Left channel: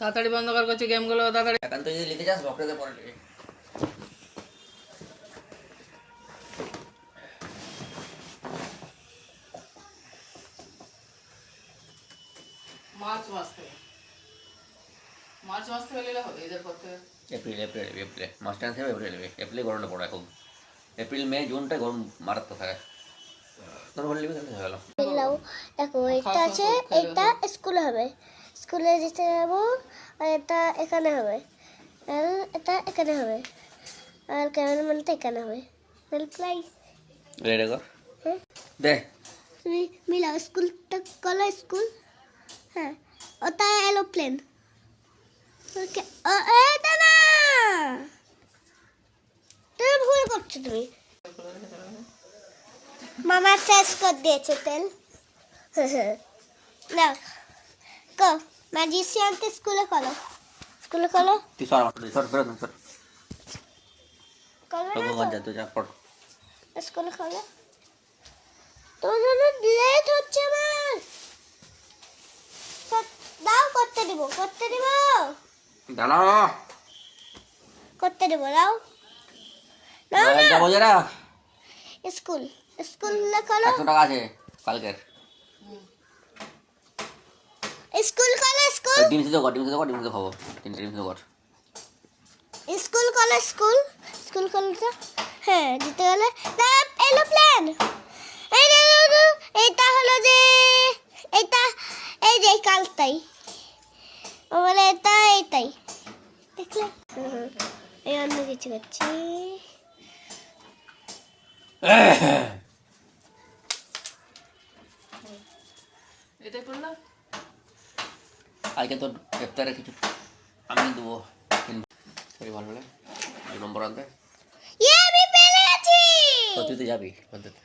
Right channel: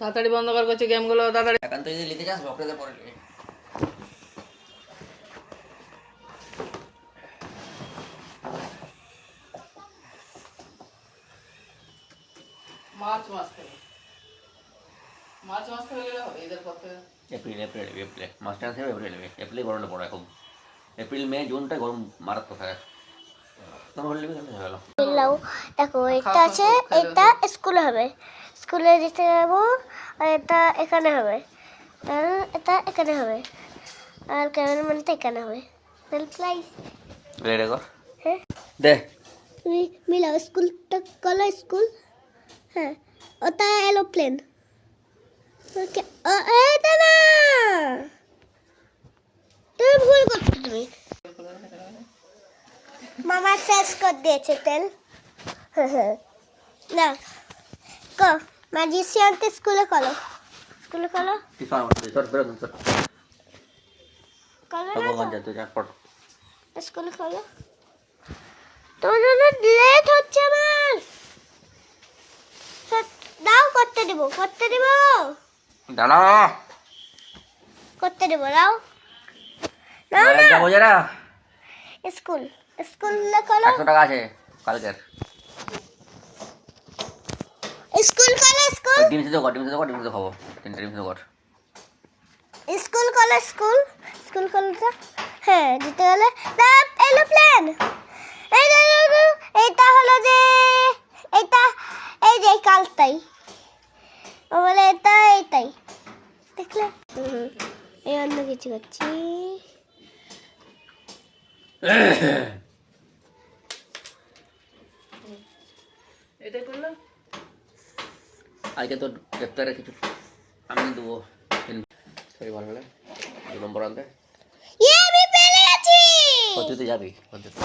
তাড়াতাড়ি বন্ধ কর করছি গেমগুলো তাড়াতাড়ি। এখন তো যদি লিখে যাস বকরেতে পড়ে নেবে। মার্চ মাস থেকে গেলে হবে ঈদের পর থেকে। এপ্রিল মাস টাইম থেকে এপ্রিলে গরমটা পড়ে খুব। এপ্রিল মে জুনটা গরম মারাত্মক থাকে। তখন হলে লিখে হয়ে গেল। দেখো এটা আছে, এটা স্কুলে হবে, স্কুলে যেতে যাবো, আর এটা এখানে হবে, আর এটা এখানে হবে, আর ক্যামেরাম্যানটা এখানে হবে। প্রাইস রেডি কর। হ্যাঁ দে তুমি মিলাও, স্কুলটা কলো স্কুল। হ্যাঁ ওটা এরোপ্লেন। ওকে এটা না, তুমি ভুল করছো। তুমি মামা শেষ করে দিয়েছে তেল। না কো ম্যাজিশিয়ানকে স্কুলে কলো, স্কুলে কলো, তুই সর করে দম সর। কলো তবু না যা তুই যা পড়। স্কুলে কলো। তোমার জন্য লেট হচ্ছে আমার। দাও করতে দিব, করতে দিব, দাঁড়া করতে দিব, দাও দাও যা না। বোঝে না। স্কুল স্কুলে কলো, 100 টাকা আছে কালকের। স্কুল কলো, স্কুল ডিম সিদ্ধ খাবো 3 ডিম সিদ্ধ কর। স্কুল কলো, স্কুল স্কুল কলো। হ্যাঁ দিতে গেলে এরোপ্লেন। এইটা হলো যে এইটা, এই যে কালটাই ও বলে এটা এইটাই দেখলে। এই অন্য কিছু করছি। এটা করলে আজকে তো গ্রেপ্তারে কিছু আমি দেবো। সরি ভালো লাগে 2 নম্বর আনতে। আমি পেরেছি। পদ্ধতি যাবি পদ্ধতি